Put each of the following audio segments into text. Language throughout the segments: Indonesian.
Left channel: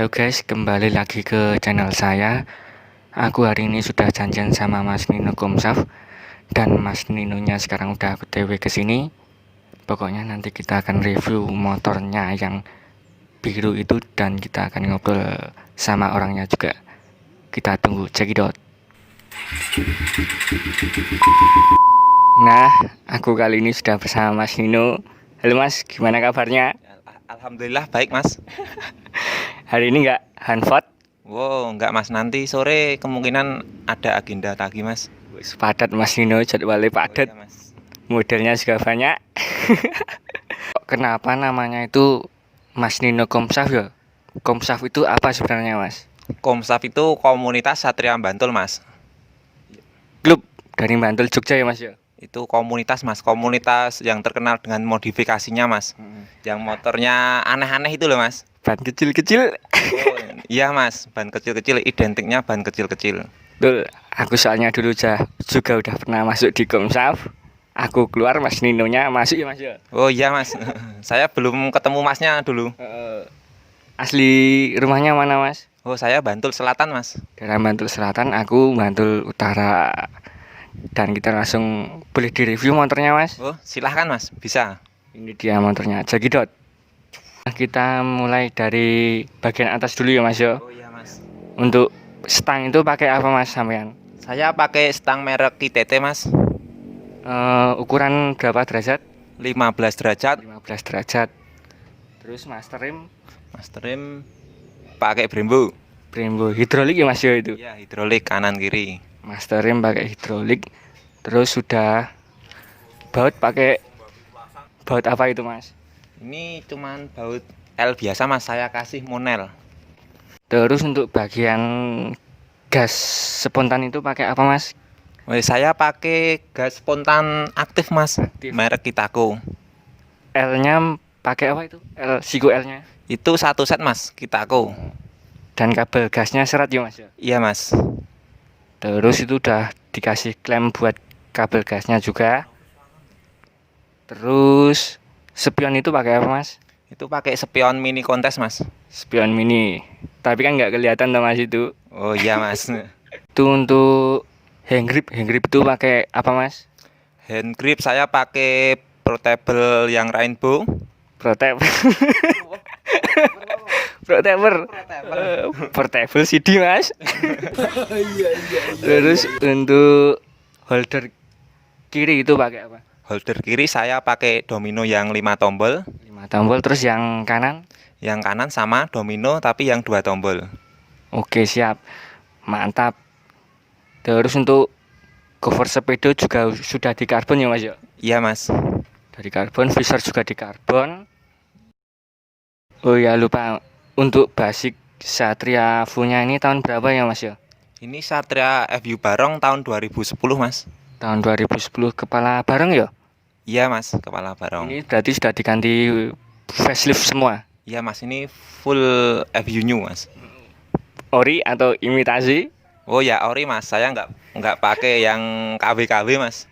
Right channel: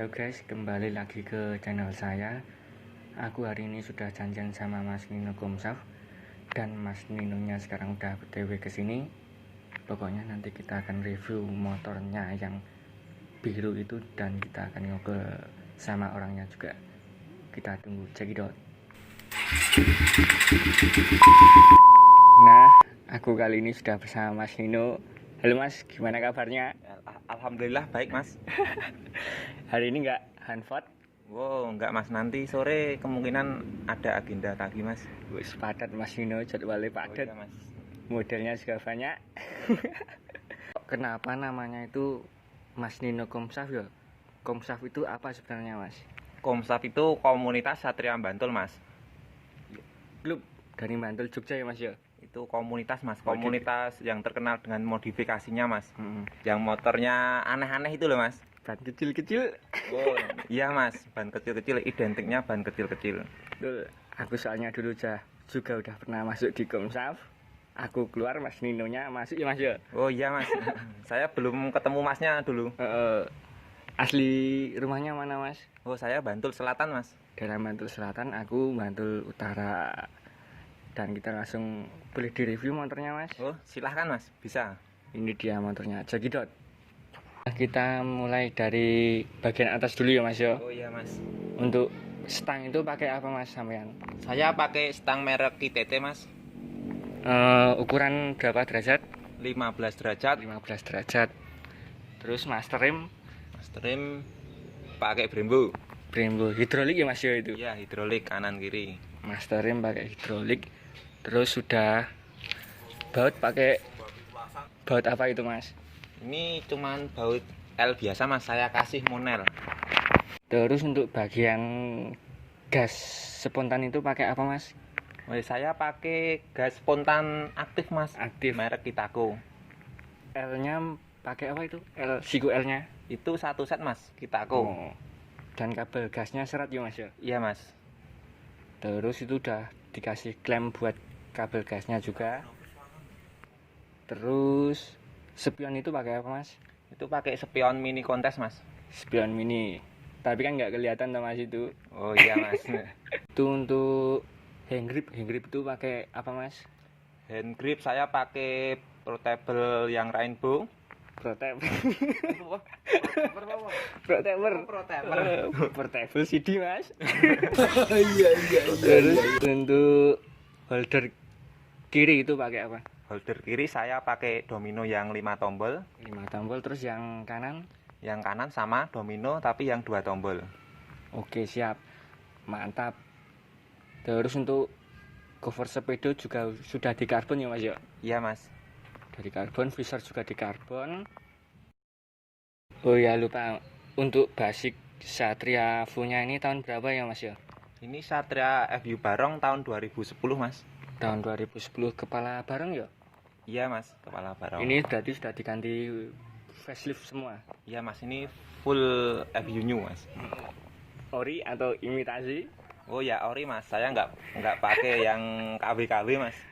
Halo guys, kembali lagi ke channel saya. Aku hari ini sudah janjian sama Mas Nino Komsaf. Dan Mas Ninonya sekarang udah OTW ke sini. Pokoknya nanti kita akan review motornya yang biru itu. Dan kita akan ngobrol sama orangnya juga. Kita tunggu, cekidot. Nah, aku kali ini sudah bersama Mas Nino. Halo Mas, gimana kabarnya? Alhamdulillah baik Mas. Hari ini nggak hanfot? Wow, enggak Mas, nanti sore kemungkinan ada agenda lagi Mas. Padat Mas Nino, jadwalnya padat. Oh, iya, Mas. Modelnya juga banyak. Kenapa namanya itu Mas Nino Komsaf ya? Komsaf itu apa sebenarnya Mas? Komsaf itu komunitas Satria Bantul Mas. Klub dari Bantul Jogja ya Mas ya? Itu komunitas Mas, komunitas yang terkenal dengan modifikasinya Mas. Yang motornya aneh-aneh itu loh Mas. Ban kecil-kecil. Oh, iya Mas, ban kecil-kecil identiknya ban kecil-kecil. Betul, aku soalnya dulu juga udah pernah masuk di Komsaf. Aku keluar, Mas Ninonya masuk ya Mas ya? Oh iya Mas, saya belum ketemu Masnya dulu. Asli rumahnya mana Mas? Oh saya Bantul Selatan Mas. Daerah Bantul Selatan, aku Bantul Utara. Dan kita langsung boleh direview motornya Mas. Oh silahkan Mas, bisa. Ini dia motornya, Jagidot. Kita mulai dari bagian atas dulu ya Mas ya. Oh iya Mas. Untuk stang itu pakai apa Mas sampean? Saya pakai stang merek TTT Mas. Ukuran berapa derajat? 15 derajat. 15 derajat. Terus master rim? Master rim pakai Brembo. Brembo hidrolik ya Mas ya itu? Ya, hidrolik kanan kiri. Master rim pakai hidrolik. Terus sudah baut pakai baut apa itu Mas? Ini cuman baut L biasa Mas, saya kasih monel. Terus untuk bagian gas spontan itu pakai apa Mas? Saya pakai gas spontan aktif Mas, Aktif. merek Kitako. L-nya pakai apa itu? Siku L-nya? Itu satu set Mas, Kitako. Dan kabel gasnya serat ya Mas ya? Iya Mas. Terus itu udah dikasih klem buat kabel gasnya juga. Terus spion itu pakai apa Mas? Itu pakai spion mini kontes Mas. Spion mini. Tapi kan nggak kelihatan tuh Mas itu. Oh iya Mas. Itu untuk hand grip itu pakai apa Mas? Hand grip saya pakai portable yang rainbow. Protect. Portable CD Mas. Iya. Terus untuk holder kiri itu pakai apa? Holder kiri saya pakai domino yang 5 tombol. 5 tombol. Terus yang kanan? Yang kanan sama domino tapi yang 2 tombol. Oke siap, mantap. Terus untuk cover sepeda juga sudah di karbon ya Mas ya? Iya Mas. Dari karbon, visor juga di karbon. Oh ya lupa, untuk basic Satria Funya ini tahun berapa ya Mas ya? Ini Satria FU Barong tahun 2010 Mas. Tahun 2010 kepala bareng ya? Iya Mas, kepala barong. Ini berarti sudah diganti facelift semua? Iya Mas, ini full FU new Mas. Ori atau imitasi? Oh ya ori Mas, saya nggak pakai yang KW-KW Mas.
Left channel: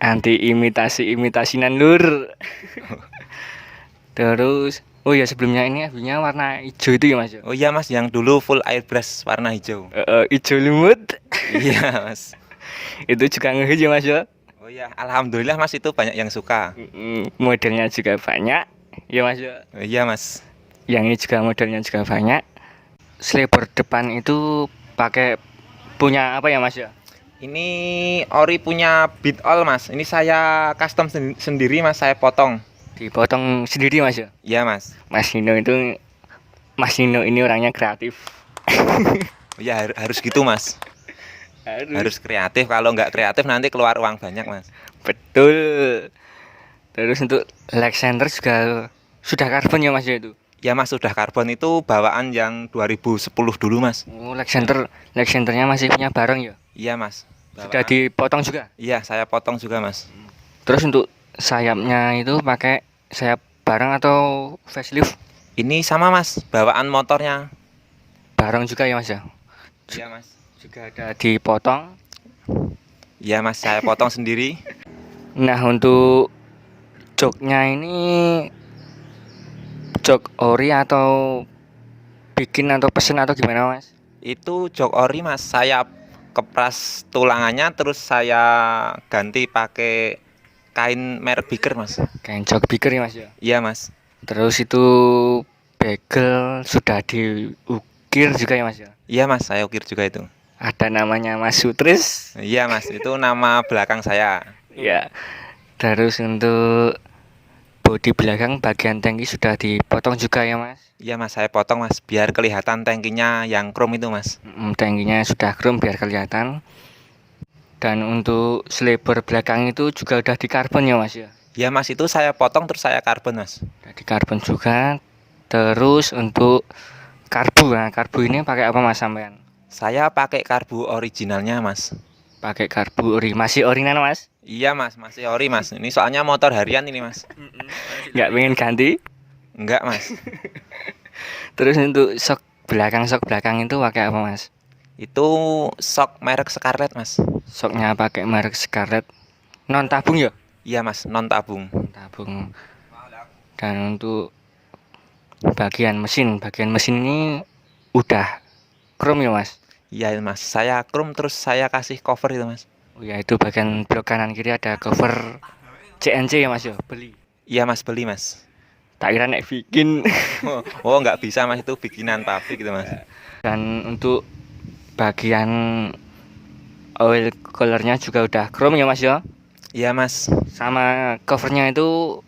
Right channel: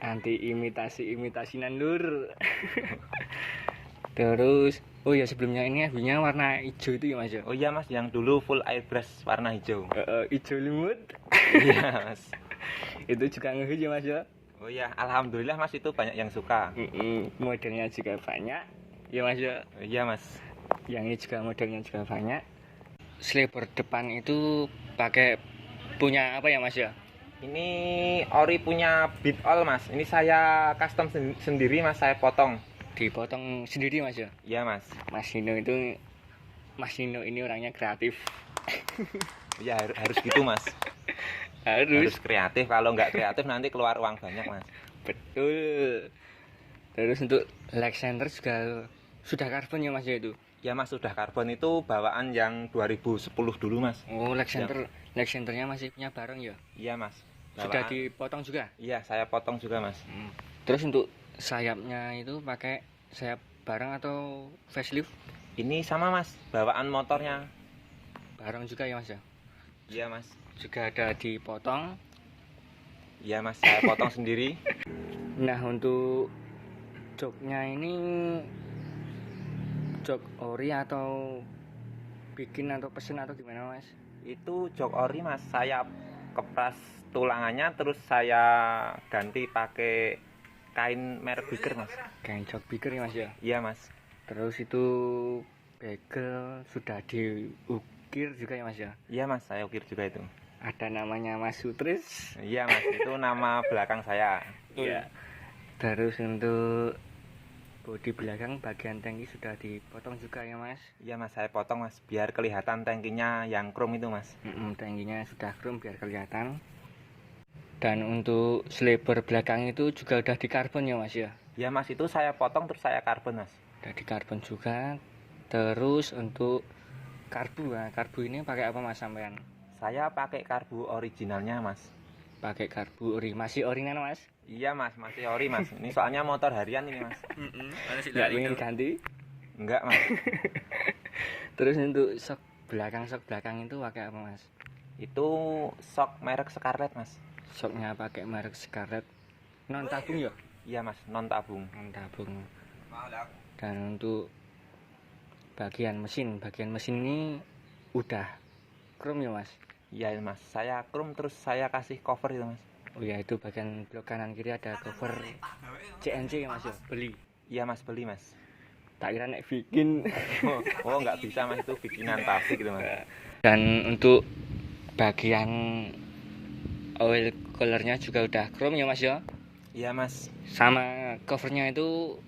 Anti imitasinan lur. Terus oh ya sebelumnya ini FU-nya warna hijau itu ya Mas ya? Oh iya Mas, yang dulu full airbrush warna hijau. Hijau lumut. Iya Mas. Itu juga ngehit ya Mas ya? Oh iya, alhamdulillah Mas, itu banyak yang suka. Modelnya juga banyak ya Mas ya? Oh, iya Mas. Yang ini juga modelnya juga banyak. Sleeper depan itu pakai punya apa ya Mas ya? Ini ori punya Beat All Mas. Ini saya custom sendiri Mas, saya potong. Dipotong sendiri Mas ya? Iya Mas. Mas Nino ini orangnya kreatif. Oh, iya harus gitu Mas. Harus kreatif, kalau nggak kreatif nanti keluar uang banyak Mas. Betul. Terus untuk leg center juga sudah karbon ya Mas ya itu? Ya Mas, sudah karbon, itu bawaan yang 2010 dulu Mas. Oh leg centernya masih punya bareng ya? Iya Mas. Sudah dipotong juga? Iya, saya potong juga Mas. Terus untuk sayapnya itu pakai sayap bareng atau facelift? Ini sama Mas, bawaan motornya. Bareng juga ya Mas ya? Iya Mas. Juga ada dipotong. Iya Mas, saya potong sendiri. Nah untuk joknya ini jok ori atau bikin atau pesen atau gimana Mas? Itu jok ori Mas, saya kepras tulangannya terus saya ganti pakai kain merek Biker Mas. Kayak jok biker ya Mas ya. Iya Mas. Terus itu bagel sudah diukir juga ya Mas ya. Iya Mas, saya ukir juga itu. Ada namanya Mas Sutris. Iya Mas, itu nama belakang saya. Ya. Terus untuk bodi belakang bagian tangki sudah dipotong juga ya Mas. Iya Mas, saya potong Mas biar kelihatan tangkinya yang chrome itu Mas. Tangkinya sudah chrome biar kelihatan. Dan untuk selebar belakang itu juga udah di karbon ya Mas ya. Iya Mas, itu saya potong terus saya karbon Mas. Udah di karbon juga. Terus untuk karbu, nah karbu ini pakai apa Mas sampean? Saya pakai karbu originalnya Mas. Pakai karbu ori, masih orinan Mas? Iya Mas, masih ori Mas. Ini soalnya motor harian ini Mas. Nggak pengen ganti? Enggak Mas. Terus untuk sok belakang itu pakai apa Mas? Itu sok merek Scarlett Mas. Soknya pakai merek Scarlett, non tabung ya? Iya Mas, non tabung. Non tabung. Dan untuk bagian mesin ini udah chrome ya Mas? Iya Mas, saya chrome terus saya kasih cover itu Mas. Oh ya, itu bagian blok kanan kiri ada cover CNC ya Mas ya? Beli. Iya Mas, beli Mas. Tak kira nek bikin. Oh nggak bisa Mas, itu bikinan pabrik gitu Mas. Dan untuk bagian oil colornya juga udah chrome ya Mas ya? Iya Mas. Sama covernya itu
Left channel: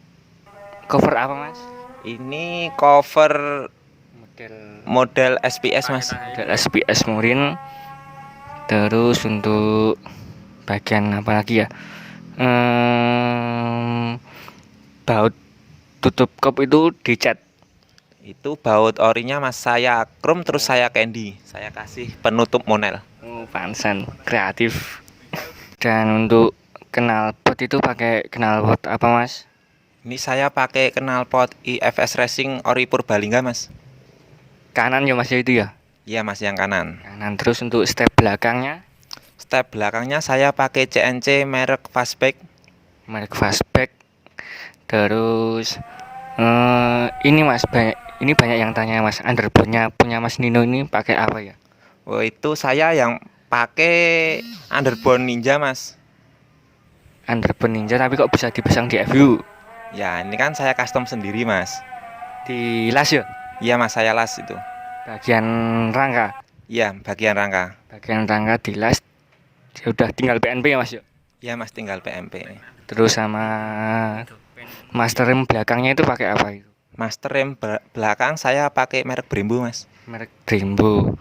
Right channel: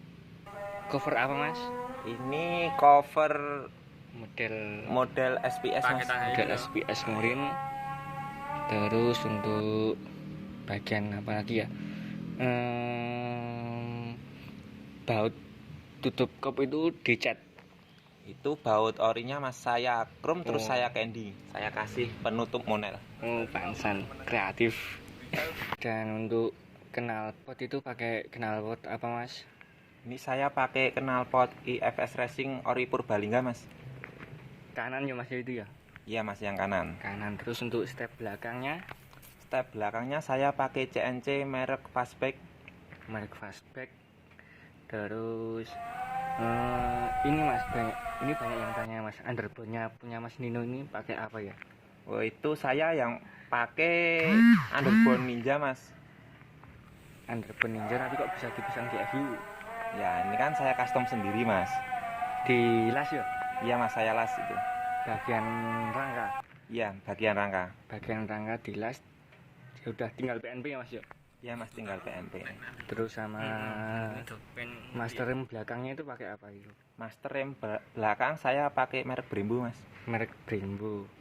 cover apa Mas? Ini cover model SPS Mas. Model SPS Murin. Terus untuk bagian apa lagi ya? Baut tutup kop itu dicat. Itu baut orinya Mas, saya chrome terus saya candy. Saya kasih penutup monel. Oh, pansan kreatif. Dan untuk knalpot itu pakai knalpot apa Mas? Ini saya pakai knalpot IFS Racing ori Purbalingga Mas. Kanan ya Mas ya itu ya? Iya Mas, yang kanan. Kanan. Terus untuk step belakangnya? Step belakangnya saya pakai CNC merek Fastback. Merek Fastback. Terus ini Mas, banyak yang tanya Mas, underbone-nya punya Mas Nino ini pakai apa ya? Oh, itu saya yang pakai underbone Ninja Mas. Underbone Ninja tapi kok bisa dipasang di FU? Ya, ini kan saya custom sendiri Mas. Di las ya? Iya Mas, saya las itu. Bagian rangka. Iya, bagian rangka. Bagian rangka di las. Ya udah tinggal PNP ya Mas ya? Iya Mas, tinggal PMP. Terus sama master rem belakangnya itu pakai apa itu? Master rem belakang saya pakai merek Brembo Mas. Merek Brembo.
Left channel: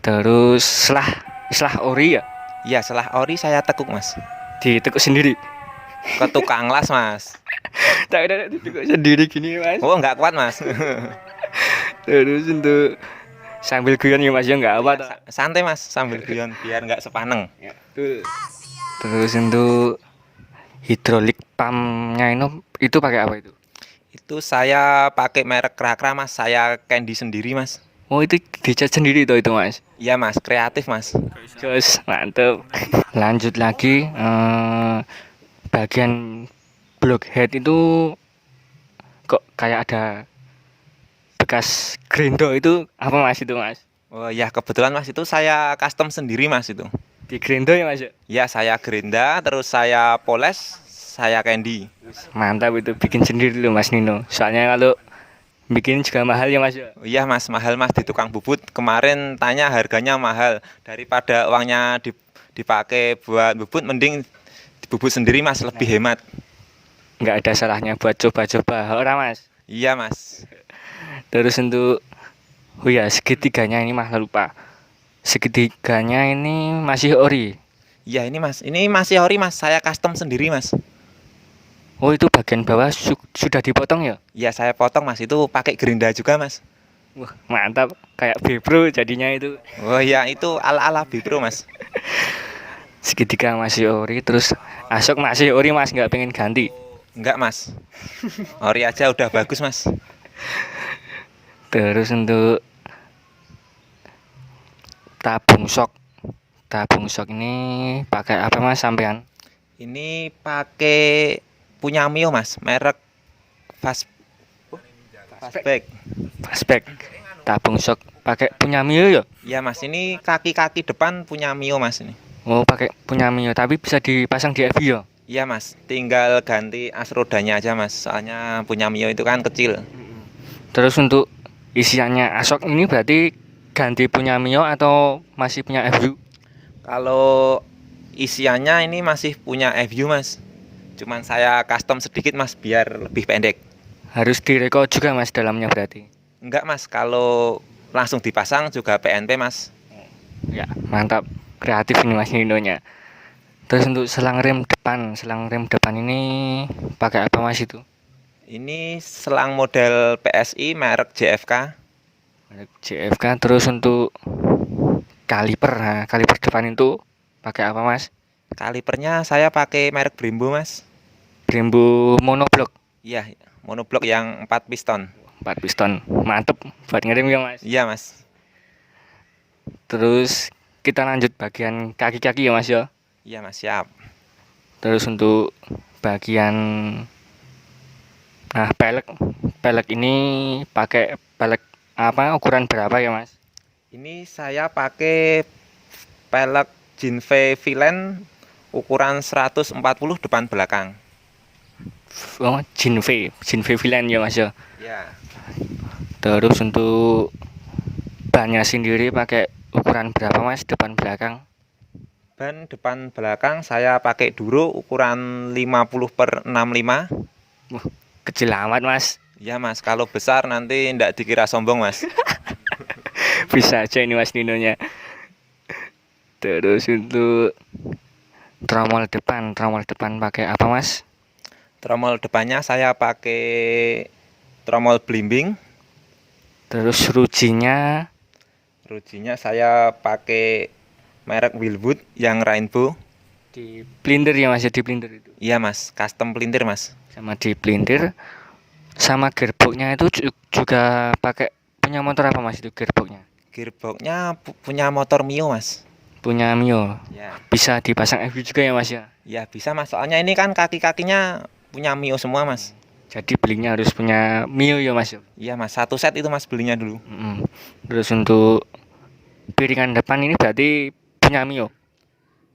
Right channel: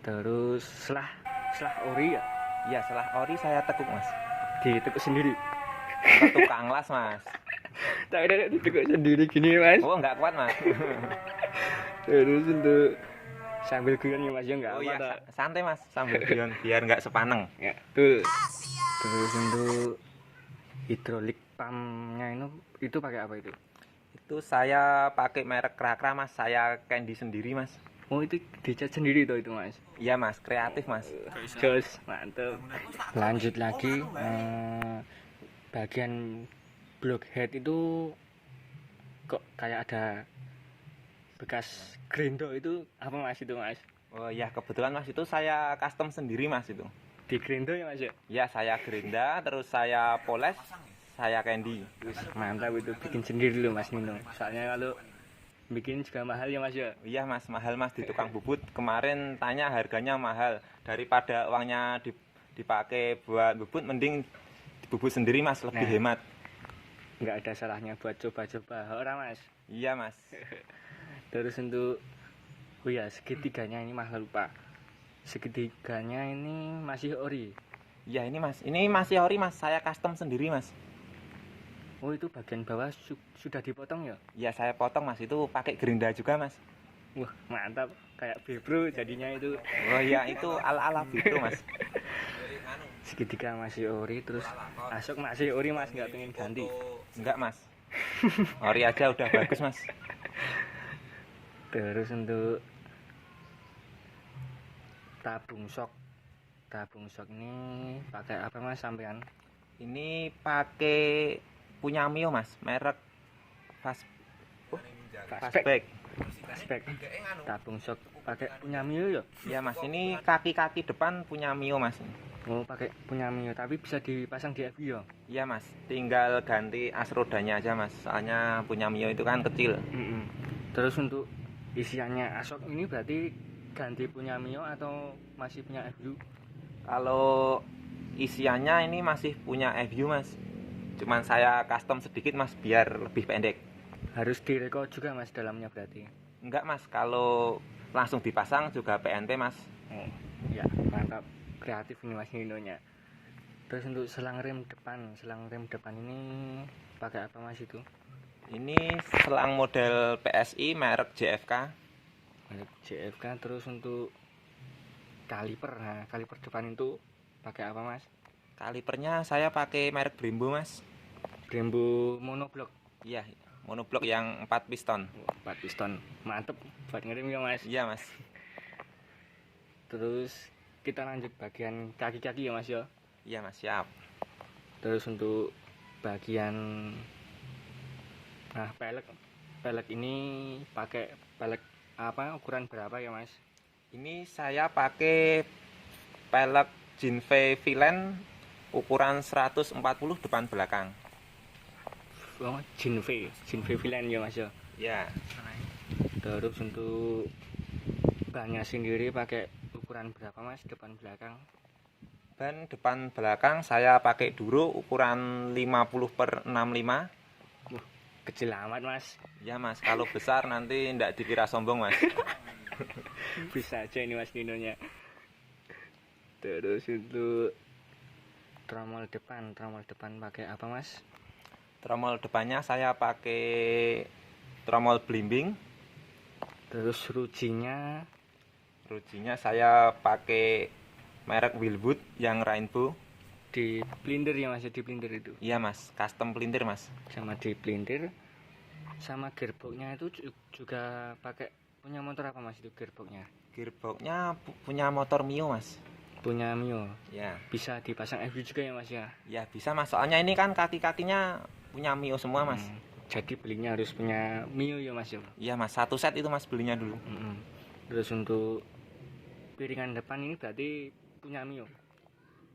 Terus selah ori ya? Iya, selah ori saya tekuk Mas. Ditekuk sendiri. Ke tukang las Mas. Tak ada ditekuk sendiri gini Mas. Oh, nggak kuat Mas. Terus untuk sambil guyon ya Mas ya nggak apa Ya, santai Mas sambil guyon biar nggak sepaneng. ya, tuh. Terus untuk hidrolik pumpnya itu pakai apa itu? Itu saya pakai merek Krakra Mas, saya candy sendiri Mas. Oh itu dicat sendiri itu Mas? Iya Mas, kreatif Mas. Terus mantep. Lanjut lagi bagian blockhead itu kok kayak ada bekas grindo itu apa Mas itu Mas? Oh ya, kebetulan Mas itu saya custom sendiri Mas itu. Di grindo ya Mas ya? Ya, saya gerinda terus saya poles, saya candy. Mantap itu bikin sendiri loh Mas Nino. Soalnya kalau bikin juga mahal ya Mas ya? Iya Mas, mahal Mas di tukang bubut. Kemarin tanya harganya mahal. Daripada uangnya dipakai buat bubut, mending dibubut sendiri Mas, lebih hemat. Nggak ada salahnya buat coba-coba orang Mas. Iya Mas. Terus untuk oh ya segitiganya ini Mas lupa. Segitiganya ini masih ori. Iya ini Mas, ini masih ori Mas, saya custom sendiri Mas. Oh itu bagian bawah sudah dipotong ya? Iya saya potong Mas, itu pakai gerinda juga Mas. Wah mantap, kayak Bipro jadinya itu. Oh iya, itu ala-ala Bipro Mas. Segitiga masih ori, terus asok masih ori Mas, nggak pengen ganti? Enggak Mas, ori aja udah bagus Mas. Terus untuk tabung sok ini pakai apa Mas sampean? Ini pakai punya Mio Mas, merek Fastback. Fastback tabung shock pakai punya Mio ya? Ya mas, ini kaki-kaki depan punya Mio mas ini. Oh, pakai punya Mio tapi bisa dipasang di FB ya? Iya mas, tinggal ganti as rodanya aja mas, soalnya punya Mio itu kan kecil. Terus untuk isiannya Ashok ini berarti ganti punya Mio atau masih punya FU? Kalau isiannya ini masih punya FU mas, cuman saya custom sedikit mas biar lebih pendek. Harus direko juga mas dalamnya berarti? Enggak mas, kalau langsung dipasang juga PNP mas. Ya mantap, kreatif ini mas Ninonya. Terus untuk selang rem depan ini pakai apa mas itu? Ini selang model PSI merek JFK. Merek JFK. Terus untuk kaliper depan itu pakai apa mas? Kalipernya saya pakai merek Brembo mas. Brembo monoblok. Iya, monoblok yang 4 piston. 4 piston, mantep buat ngerem ya mas. Iya mas. Terus kita lanjut bagian kaki-kaki ya mas ya. Iya mas, siap. Terus untuk bagian pelek ini pakai pelek apa, ukuran berapa ya mas? Ini saya pakai pelek Jinve Villain ukuran 140 depan belakang. Oh, Jinve Villain ya mas ya. Ya. Terus untuk bannya sendiri pakai ukuran berapa mas depan belakang? Ban depan belakang saya pakai Duro ukuran 50/65. Kecil amat mas. Ya mas, kalau besar nanti ndak dikira sombong mas. Bisa aja ini mas Ninonya. Terus untuk tromol depan pakai apa mas? Tromol depannya saya pakai tromol blimbing. Terus rujinya Saya pakai merek Wilwood yang rainbow. di pelintir ya mas ya, di pelintir itu. Iya mas, custom pelintir mas. Sama di pelintir. Sama gearboxnya itu juga pakai punya motor apa mas itu gearboxnya? Gearboxnya punya motor Mio mas. Punya Mio. Ya. Bisa dipasang FU juga ya mas ya? Ya bisa mas, soalnya ini kan kaki-kakinya punya Mio semua mas. Jadi belinya harus punya Mio ya mas ya? Iya mas, satu set itu mas belinya dulu. Terus untuk piringan depan ini berarti punya Mio?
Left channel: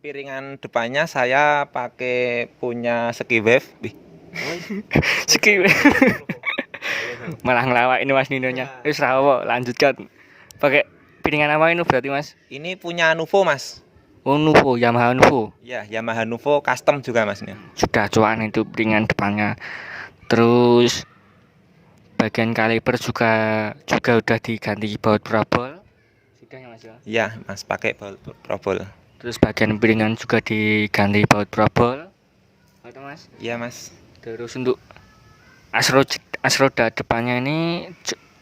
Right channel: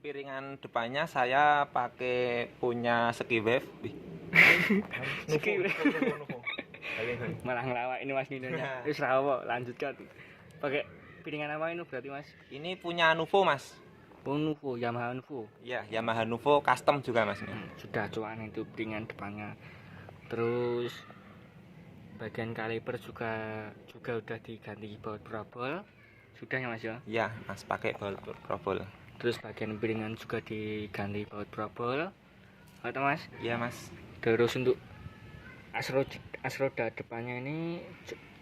Piringan depannya saya pakai punya Ski-Wave. Ski. Malah ngelawak ini mas Ninonya. Wis rawo, lanjutkan. Pakai piringan apa ini berarti mas? Ini punya Nuvo mas. Oh Nuvo, Yamaha Nuvo. Ya, Yamaha Nuvo custom juga mas ini. Sudah cuan itu piringan depannya. Terus bagian kaliper juga udah diganti baut probol. Sudah ya mas ya? Iya mas, pakai baut probol. Terus bagian piringan juga diganti baut probol. Atau mas? Iya mas. Terus untuk as roda depannya ini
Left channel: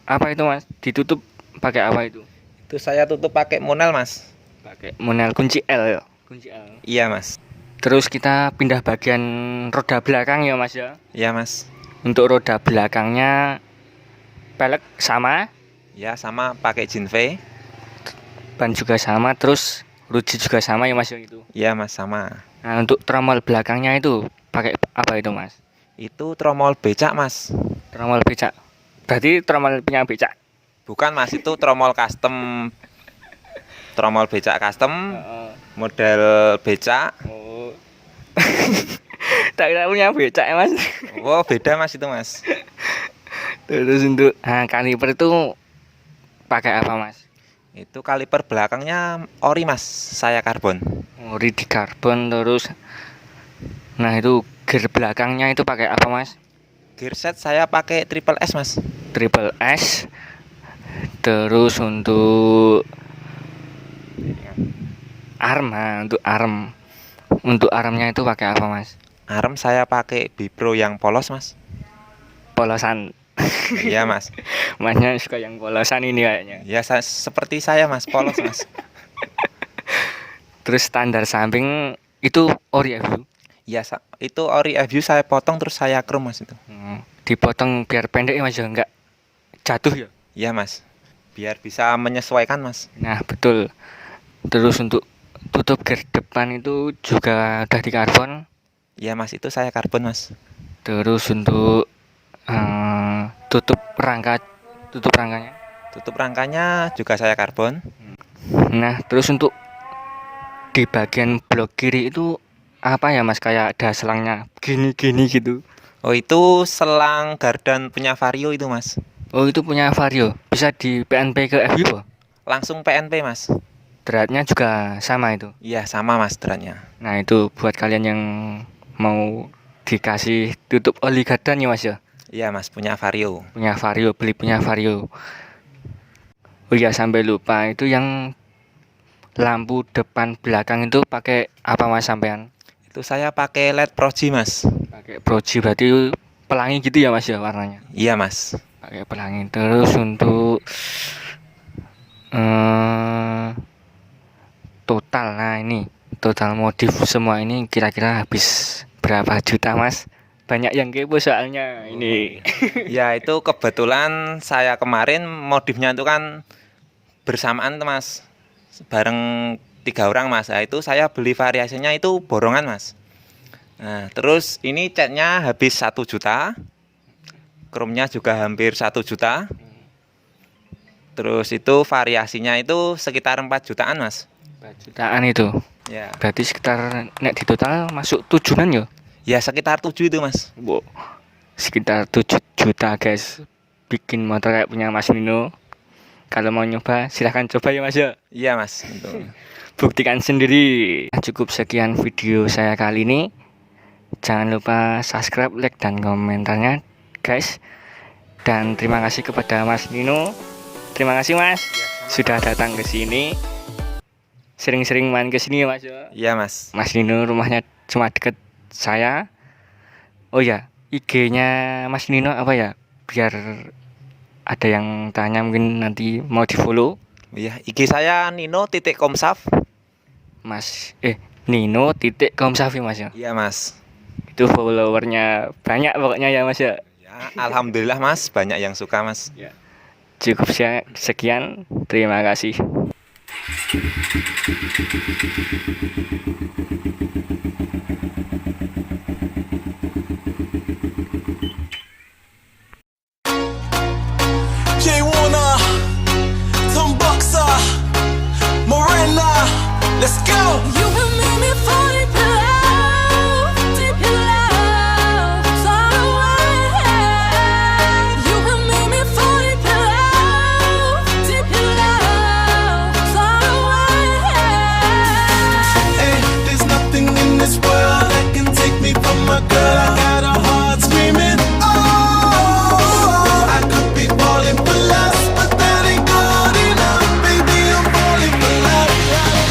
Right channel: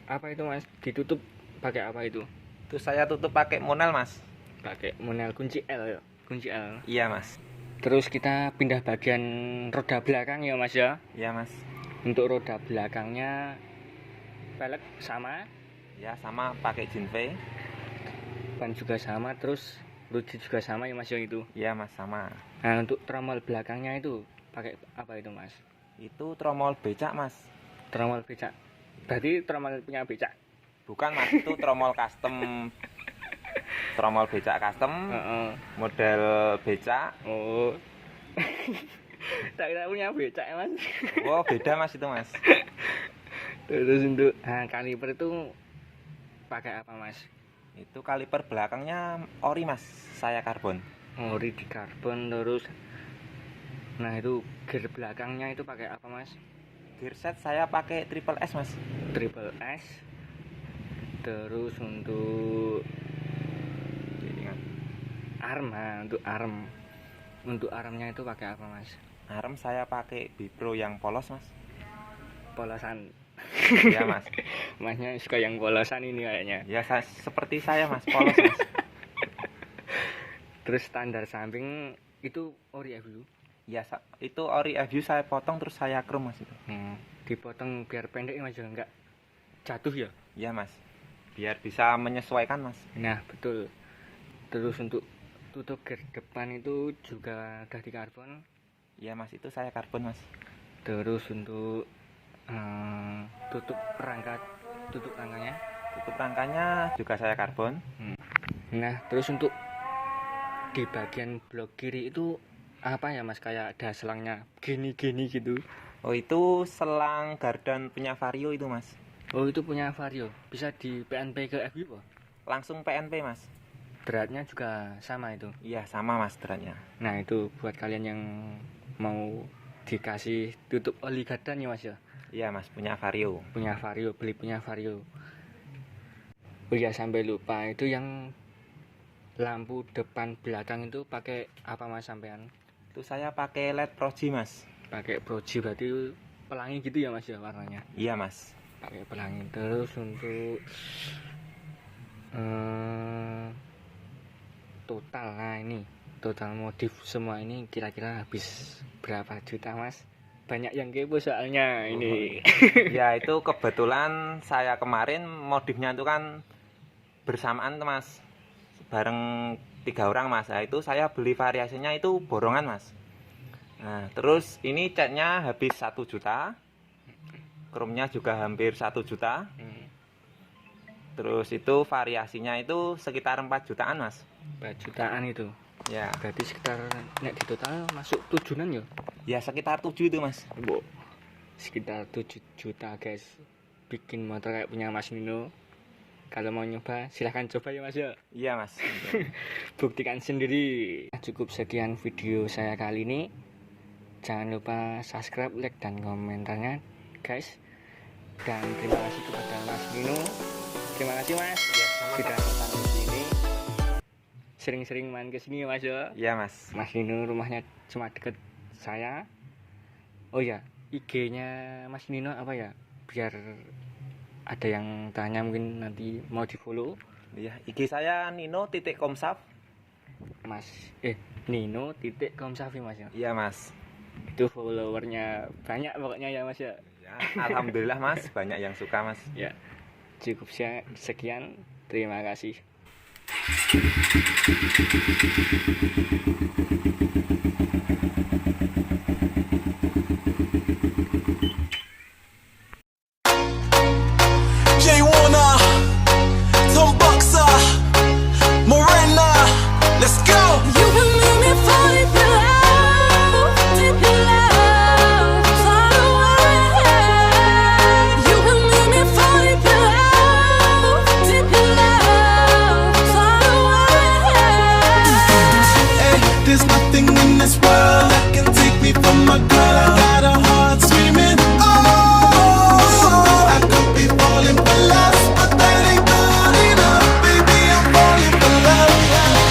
apa itu mas? Ditutup pakai apa itu? Itu saya tutup pakai monel mas. Pakai monel kunci L ya? Kunci L. Iya mas. Terus kita pindah bagian roda belakang ya mas ya? Iya mas. Untuk roda belakangnya pelek sama? Ya sama, pakai Jinve. Ban juga sama, terus ruji juga sama ya mas yang itu? Iya mas, sama. Nah untuk tromol belakangnya itu pakai apa itu mas? Itu tromol becak mas. Tromol becak. Berarti tromol punya becak? Bukan mas, itu tromol custom. Tromol becak custom. Model becak. Oh. Tak kira punya becak ya mas. Oh beda mas itu mas. Terus untuk kaliper itu pakai apa mas? Itu kaliper belakangnya ori mas, saya karbon. Ori di karbon. Terus nah itu gear belakangnya itu pakai apa mas? Gear set saya pakai triple S mas. Triple S. Terus untuk untuk armnya itu pakai apa mas? Arm saya pakai Bipro yang polos mas. Polosan. Iya mas. Masnya suka yang polosan ini kayaknya. Ya seperti saya mas, polos mas. Terus standar samping itu ori FU? Ya itu ori FU saya potong terus saya chrome mas itu. Dipotong biar pendek ya mas ya, enggak jatuh ya? Iya mas, biar bisa menyesuaikan mas. Nah betul. Terus untuk tutup gear depan itu juga udah di karbon? Iya mas, itu saya karbon mas. Terus untuk tutup rangka tutup rangkanya. Tutup rangkanya juga saya karbon. Nah, terus untuk di bagian blok kiri itu apa ya Mas, kayak ada selangnya gini-gini gitu. Oh, itu selang gardan punya Vario itu, Mas. Oh, itu punya Vario. Bisa di PNP ke FI po? Langsung PNP, Mas. Dratnya juga sama itu. Iya, sama Mas dratnya. Nah, itu buat kalian yang mau dikasih tutup oli gardan ya Mas ya. Iya, Mas, punya Vario. Punya Vario, beli punya Vario. Oh iya, sampai lupa, itu yang lampu depan belakang itu pakai apa Mas sampean? Itu saya pakai LED Proji, Mas. Pakai Proji, berarti pelangi gitu ya Mas ya warnanya. Iya, Mas. Pakai pelangi. Terus untuk total, nah ini total modif semua ini kira-kira habis berapa juta Mas? Banyak yang kepo soalnya ini. Ya, itu kebetulan saya kemarin modifnya itu kan bersamaan tuh, Mas. Bareng 3 orang, Mas. Nah, itu saya beli variasinya itu borongan, Mas. Nah, terus ini catnya habis 1 juta. Chrome-nya juga hampir 1 juta. Terus itu variasinya itu sekitar 4 jutaan, Mas. 4 jutaan itu. Ya. Berarti sekitar nek di total masuk 7-an ya? Ya, sekitar 7 itu, Mas. Wow. Sekitar 7 juta guys. Bikin motor kayak punya Mas Nino. Kalau mau nyoba silahkan coba ya Mas ya. Iya, Mas. Betul. Buktikan sendiri. Cukup sekian video saya kali ini. Jangan lupa subscribe, like, dan komentarnya guys. Dan terima kasih kepada Mas Nino. Terima kasih Mas sudah datang ke sini. Sering-sering main ke sini ya Mas ya. Iya, Mas. Mas Nino rumahnya cuma deket saya. Oh ya, IG-nya Mas Nino apa ya? Biar ada yang tanya mungkin nanti mau di follow. Iya, IG saya Nino.komsaf. Mas Nino.komsaf ya Mas ya. Iya, Mas. Itu followernya banyak pokoknya ya Mas ya. Ya, alhamdulillah, Mas, banyak yang suka, Mas. Ya. Cukup sekian. Terima kasih. Jay Warner, Tom Boxer, Morena, let's go. You will make me fall deep in love, deep in love, far away. You will make me fall deep in love, deep in love, far away. Hey, there's nothing in this world that can take me from my girl. I got a heart screaming, oh, I could be falling for lust, but that ain't good enough. Baby, I'm falling for love,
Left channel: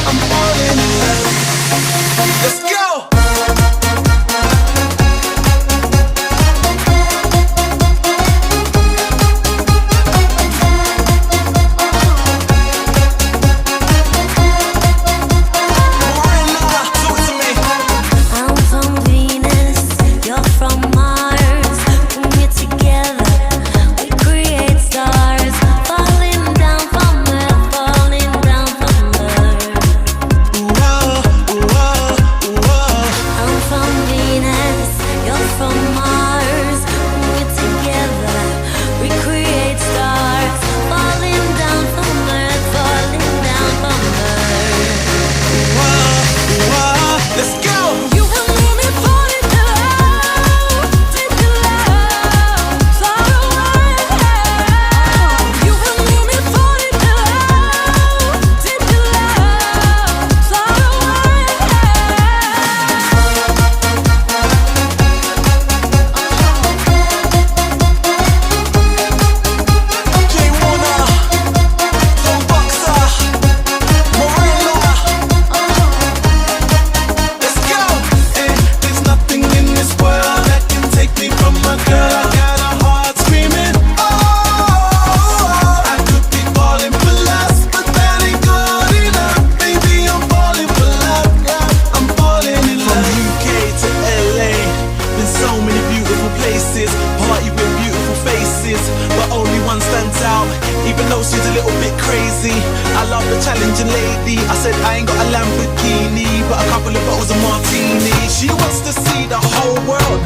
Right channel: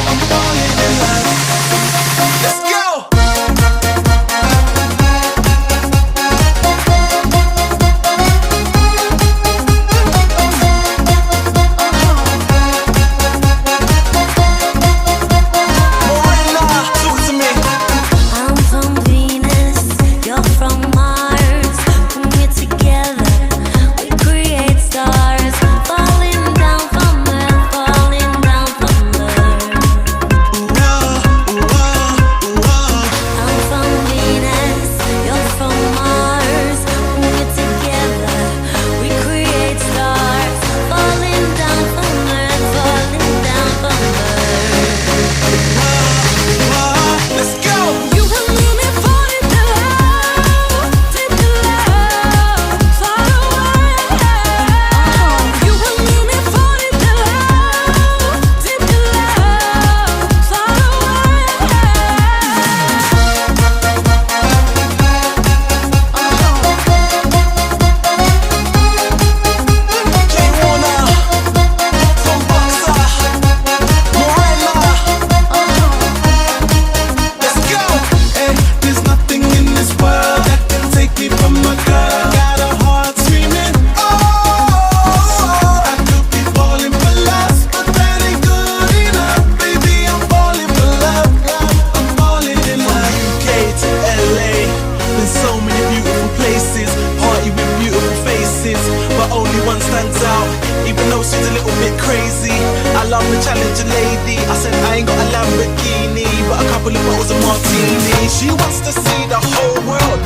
I'm falling in love. Let's go. Morena, talk to me. I'm from Venus, you're from Mars. When we're together, we create stars. Falling down from earth, falling down from earth. I'm from Venus, you're from Mars. When we're together, we create stars. Falling down from earth, falling down from earth. Let's go. You will make me fall deep in love, deep in love, far away. You will make me fall deep in love, deep in love, far away. Jay Warner, Tom Boxer, Morena, let's go. Hey, there's nothing in this world that can take me from my girl. I got a heart screaming, oh, I could be falling for lust, but that ain't good enough. Baby, I'm falling for love, I'm falling in love. From UK to LA, been so many beautiful places, party with beautiful faces, but only one stands out, even though she's a little bit crazy. I love a challenging lady. I said I ain't got a Lamborghini, but a couple of bottles of martini. She wants to see the whole world.